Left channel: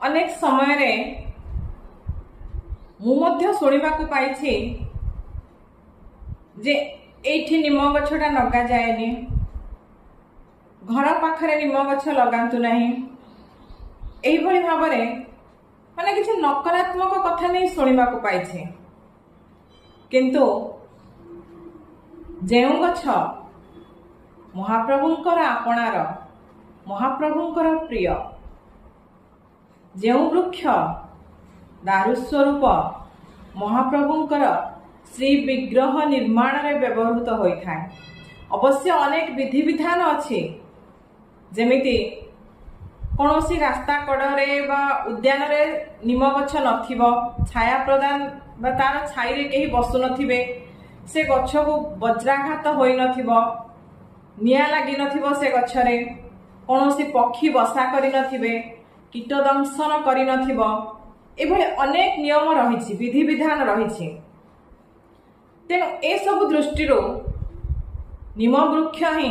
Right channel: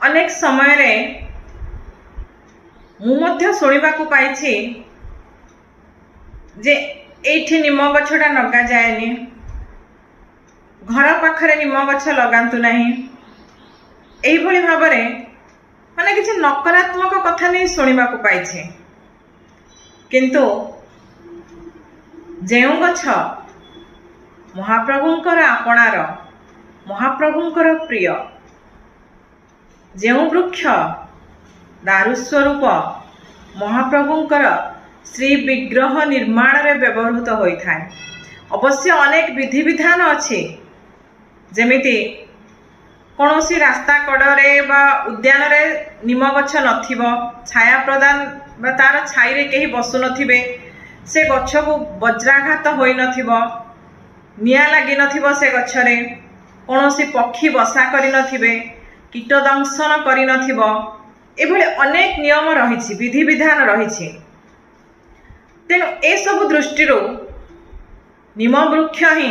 अनेक समय रे मुझे शुणा पाई जे एठी निम गछटा लगा जाएनि, घर पाखरे निम गछ लगातु नहीं। एही भाव माने किसी नकारात्मक कथा नहीं शुणा पाई। किंतु जेउ गछ महाप्रभुंकर आपणार महाप्रभुंकर प्रिय, जेउ वृक्ष दारुस्वरूप महाप्रभुंकर श्री विग्रह निर्माण रे व्यवहृत होता है। अवश्य अनेक विधि विधान अच्छी, जेमिति कौनसी रास्ता कड़े बा उद्यान रे निम गछ नथिबो, छाया प्रदान बा तार छाई रे केही बसु नथिबे, से गछ को वज्राघात होई नथिबो, निया लागी नथिबो, से गछरे कौनसी पक्षी बसा करि नथिबे, कीट दंशन करि नथिबो। एभले अनेक नियम रही, विधि विधान रही। तेणु ए सब दृष्टि निम वृक्ष ही